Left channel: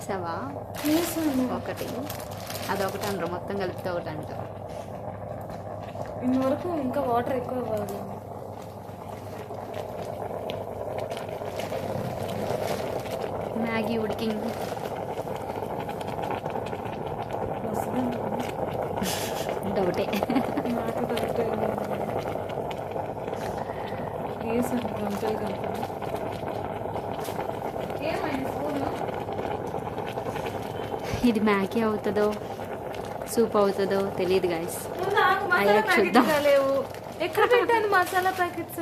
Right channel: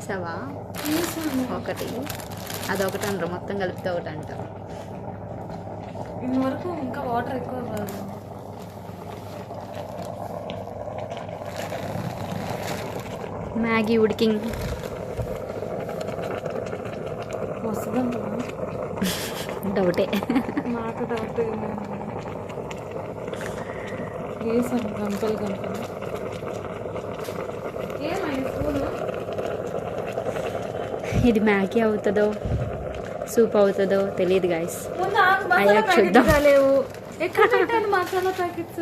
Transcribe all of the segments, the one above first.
వేసావా? ఒకటి అదొకటి అంటారు, మొత్తం కలిపితే ఒకటి అంటారు. ఇంతవరకు ఇంకా వాటర్ ఎక్కువ కాదు. మ్యాగీ ఉడికింగ్. డౌటే. నాకు డౌట్ వేసాను గంపలు గంపలు. ఇది మ్యాగీ అవుతుందో సూప్ అవుతుందో తెలియదు గాయస్. అయ్యాక చూద్దాం. లేవు ఎక్కడ పెట్టేది మసాలా ప్యాకెట్స్?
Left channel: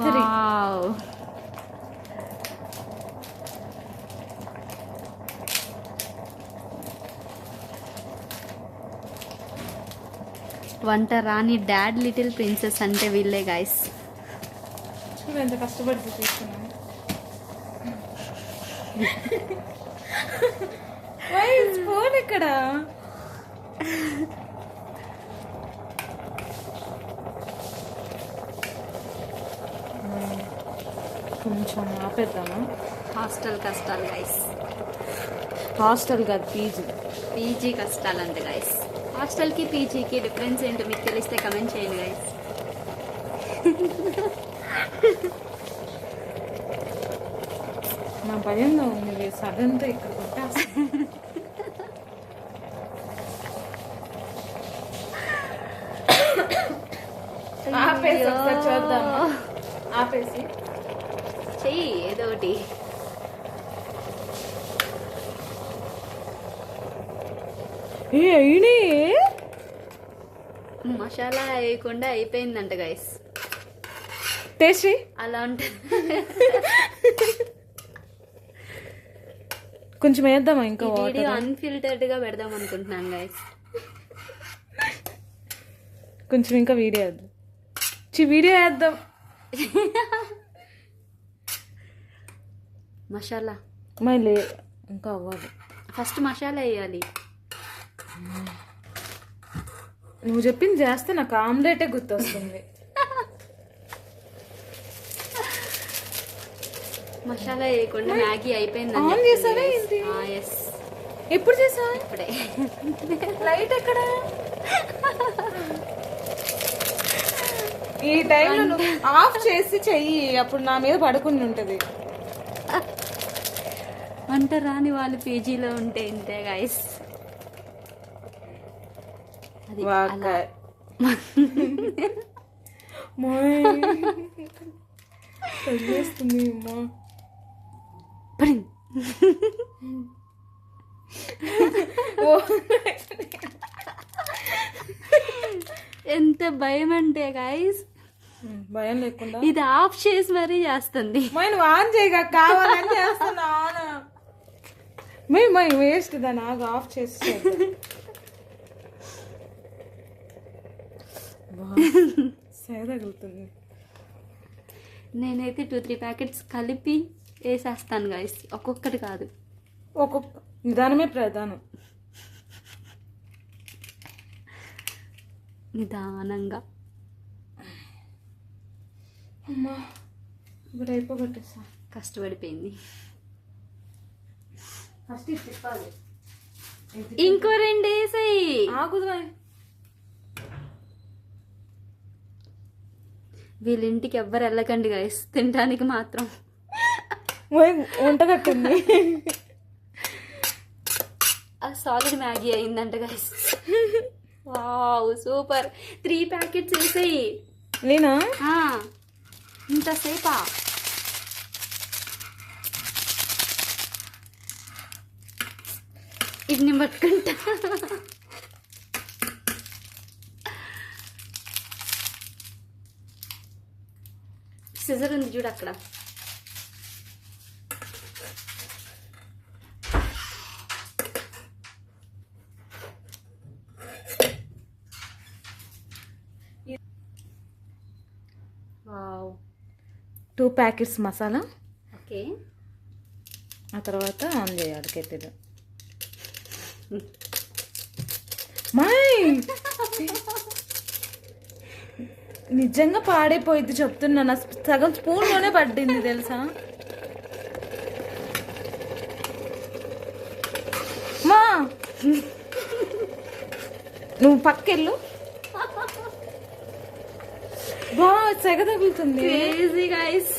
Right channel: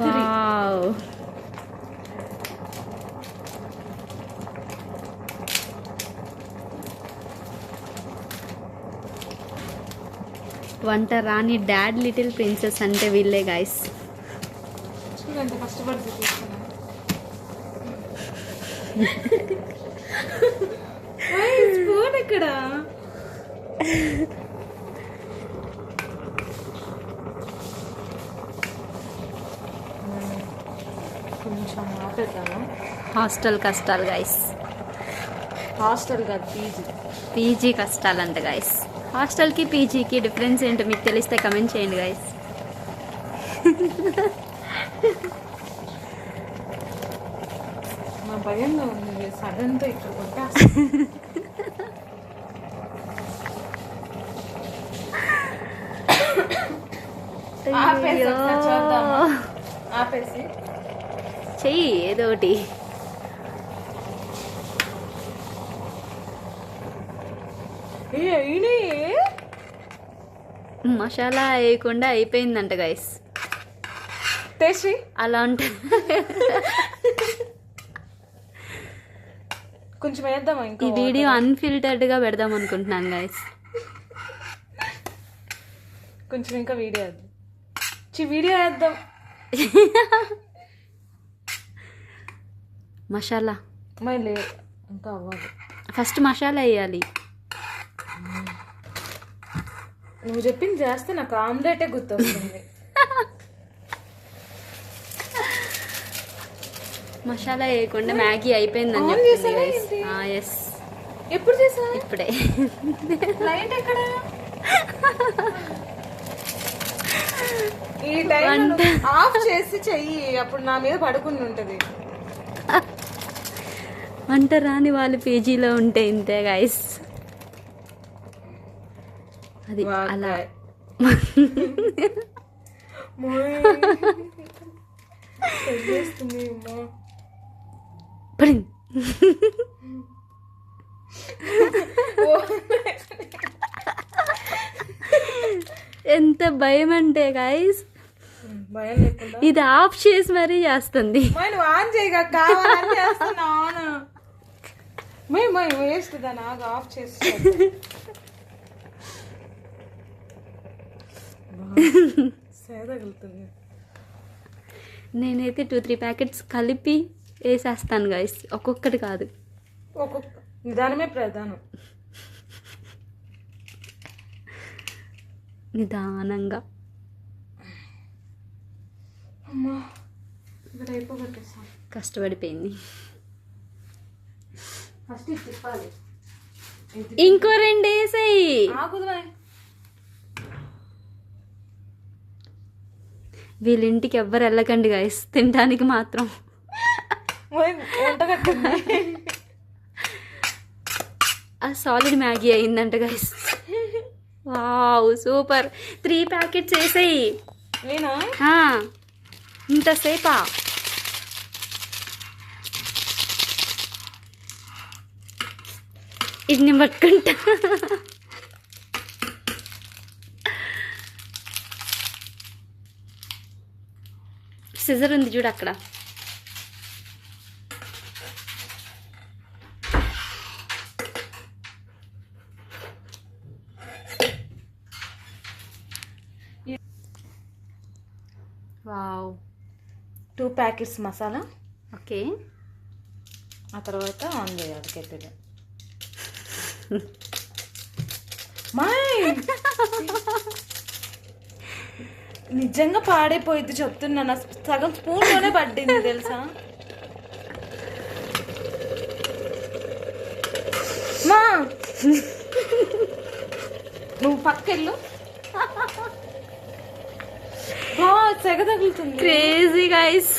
వావ్, వంట రాని డాడ్ లిటిల్ ప్రిన్సెస్ అంటే వీళ్ళే గాయస్. ఎంత కష్టపడి చూపిస్తున్నాను. స్పూన్ ఇక్కడ కొంచెం ఆపేద్దాము. హాస్టల్ కష్టాలు గాయస్. హాస్టల్ కాదు, పీజీ. పీజీ కష్టాలంట గాయస్. హాస్టల్కి పీజీకి డిఫరెన్స్ ఏంటో మీకు తెలిస్తే కమెంట్ చేయండి గాయస్. నా భయంగా ఉంది సడన్గా ఇక్కడ కొట్టా. ఆపేసి చెయ్యి ఏదో ఒకటి. మసాలా వేయకుండా అయిపోయిందంట గైస్. టేస్టీ అలా ఉంటుంది. కొంచెం వేద్దామా? ఇంకా ఈ వీడియో అన్ఫిల్టర్డ్ గా పెడదాం అనుకుంటున్నాను గైస్. కొంచెం ఇంకా వీడియో వేద్దాం. వీడియో వేద్దాం. మసాలా మళ్ళీ ఇంకా అవ్వాలి. ఫస్ట్ మసాలా వేయాలి. నువ్వు చెప్పింది చేస్తే నాకు ఆమ్లెటే గుర్తొస్తుంది. మసాలా వేయకుండా మ్యాగీ అయిపోయిందని. ఎప్పుడు చేసా? ఇప్పుడే. లైట్ ఎక్కడ? ఈ టైం ఆఫ్ చేసి చెయ్యి, అప్పుడు నా మీద పడుకుని ఉంటది. వంట రాని వాళ్ళు పీజీలో ఉంటే ఇంతే గైస్. అది అలా. ఎంత భయం అంటే గైస్, భయం లేకుండా ఇది ఆఫ్ చేసి మరీ చేస్తుంది. ఆన్ చేయగా కావాలని చేస్తున్నాను. వేస్ట్ దాన్ని ఆఫ్ చేసి తగులుతుంది. నేనైతే 2-3 ప్యాకెట్స్ కలిపి వేసేస్తాను గైస్, ఒక్కొక్కటి కాదు. ఒక్కొక్క నిదానమే ప్రధానం. నిదానంగా. అమ్మా ఇప్పుడు అయిపోగట్టేస్తాం. కష్టపడిపోయింది. ఫస్ట్ ఇది తిప్పాలి. ఇంకో 2 వేసాయి. వీళ్ళింటికి ఎవ్వరు వెళ్ళకండి గైస్, తినడానికి మాత్రం. వంట కట్టింది. సాలిడ్ మ్యాగీ అయిందంట గైస్. Wow super. 3 ప్యాకెట్స్ వేసాయి. నేనా ఇంతసేపా? ఇది నేను పట్టుకుంటా. సిజర్ ఉంది చూడు అక్కడ. వావ్. 2 ప్యాకెట్స్ మసాలా. ఓకే. ఆ తర్వాత ఆన్ చేయాలి కెటిల్. నిజంగా పాడైపోయింది చెప్తున్నా. సగం స్పూన్లోనే పడ్డింది తెలుసా. నువ్వు పక్కెళ్ళు. సెగ తగులుతుంది. Crazy guys.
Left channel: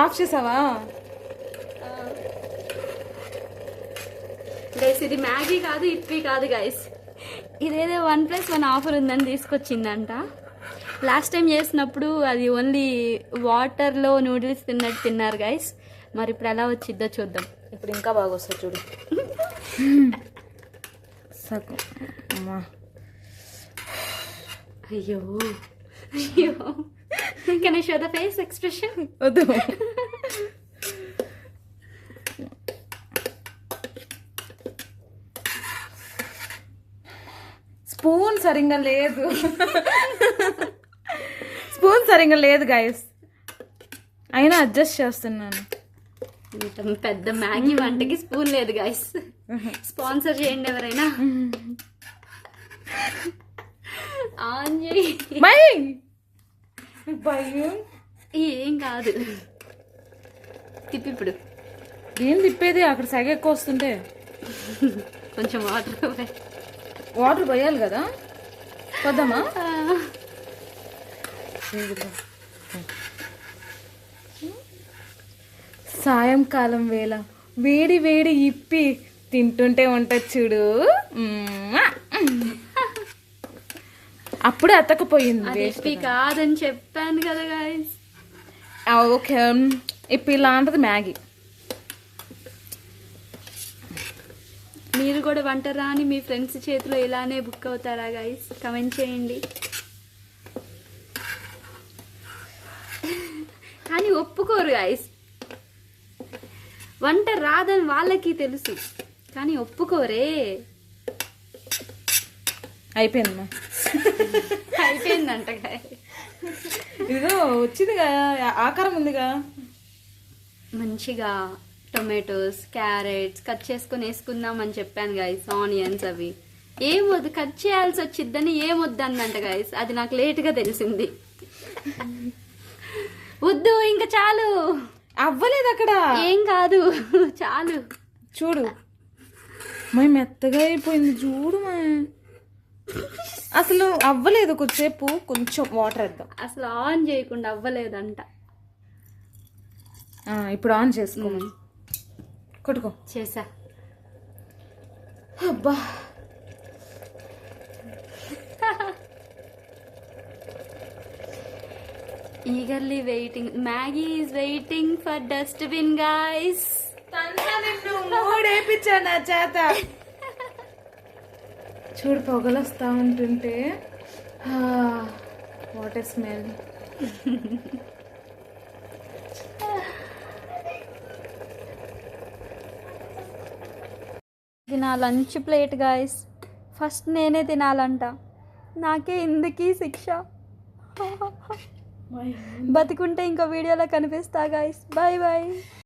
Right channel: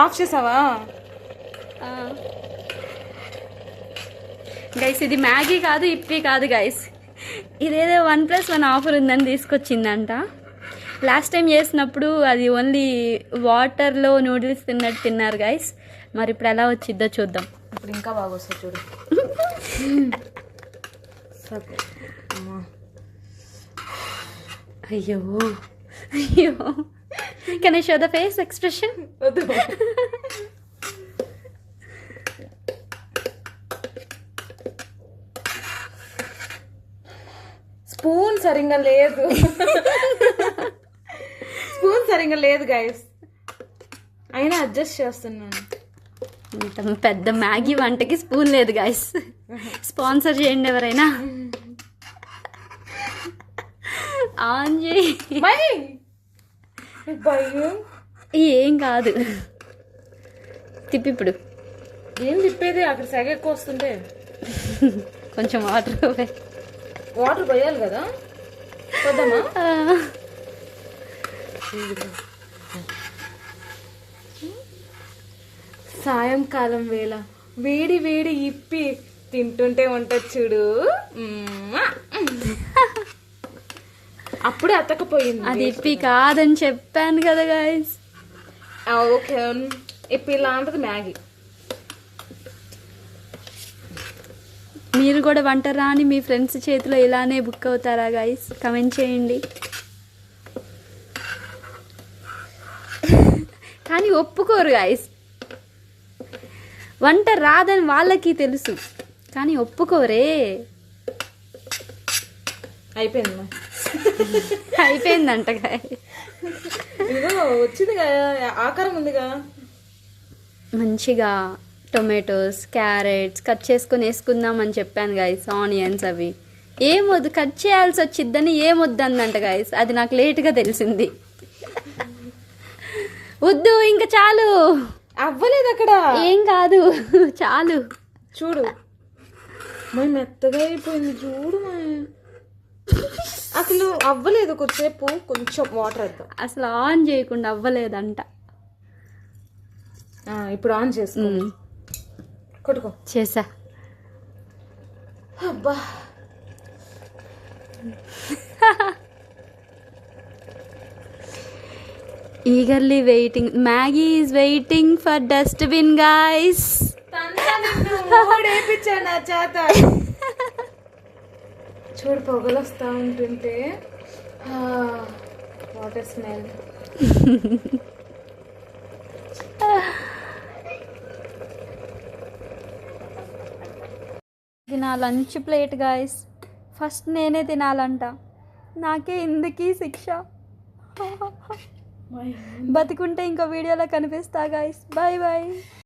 ఆఫ్ చేసావా? గైస్ ఇది మ్యాగీ కాదు, ఇప్పి కాదు గైస్. ఇదేదో 1+1 ఆఫర్ ఉందని తీసుకొచ్చిందంట. లాస్ట్ టైం చేసినప్పుడు అది ఓన్లీ వాటర్లో నూడిల్స్ తిన్నట్టు తిన్నారు గైస్. మరి ఇప్పుడు ఎలా వచ్చిద్దో చూద్దాం. ఇప్పుడు ఇంకా బాగా వస్తుంది చూడు. సరే అమ్మా. అయ్యో అయ్యో. Can I show the face expression? వద్దు. స్పూన్ సరిగ్గా లేదు. స్పూన్ సరిగ్గా లేదు గైస్, అయినా అడ్జస్ట్ చేస్తున్నాను. ఇంత పెద్ద మ్యాగీ వంటకి స్పూన్ లేదు గైస్. స్పాన్సర్ చేయండి ఎవరైనా. ఆన్ చేయి. భయం. ఏం కాదు, తిప్పి ఇప్పుడు. ఏం తిప్పేది, అక్కడ సెగ ఎక్కువ వస్తుంటే. కొంచెం వాటర్ పోయాలి కదా. పోదామా? సాయంకాలం వేళ వేడి వేడి ఇప్పి తింటుంటే ఉంటుంది చూడు. అప్పుడే అతకపోయింది. అది ఇప్పి కాదని చెప్పాను కదా గాయస్. ఓకే, ఇప్పి లాంటిది మ్యాగీ. మీరు కూడా వంట రాని మీ ఫ్రెండ్స్ చేతిలో ఇలానే బుక్ అవుతారా గాయస్? కమెంట్ చేయండి. కానీ ఒప్పుకోరు గాయస్. వంట రాదని వాళ్ళకి తెలుసు కానీ ఒప్పుకోరే. అయిపోయిందా? అయిపోయిందంట. ఏదో వచ్చింది కదా, ఆకారం ఉందిగా. మంచిగా టొమాటోస్, క్యారెట్స్ కట్ చేసుకొని వేసుకుందామని చెప్పాను గాయస్. ఆనియన్స్ అవి ఏమొద్దు, కట్ చేయాల్సి వచ్చిద్దని ఏమొద్దు అందంట గాయస్. అది నాకు లేట్గా తెలిసింది. వద్దు ఇంకా చాలు. అవ్వలేదు అక్కడ. ఏం కాదు చాలు. చూడు మై మెత్తగా అయిపోయింది చూడు. అసలు అవ్వలేదు. కొద్దిసేపు కొంచెం వాటర్ వేద్దాం. అసలు ఆన్ చేయకుండా అవ్వలేదంట. ఇప్పుడు ఆన్ చేసుకో. కొట్టుకో. చేసా. అబ్బా eagerly waiting. Maggie is waiting for dustbin guys. మూడేపించాడు నా చేత. చూడు పొగలు వస్తా ఉంటుంటే. Water smell. ఇది నా లంచ్ ప్లేట్ గాయస్. ఫస్ట్ నేనే తినాలంట. నాకే ఇందుకీ శిక్ష. బతికుంటే ఇంకో వీడియోలో కనిపిస్తా గాయస్. Bye bye.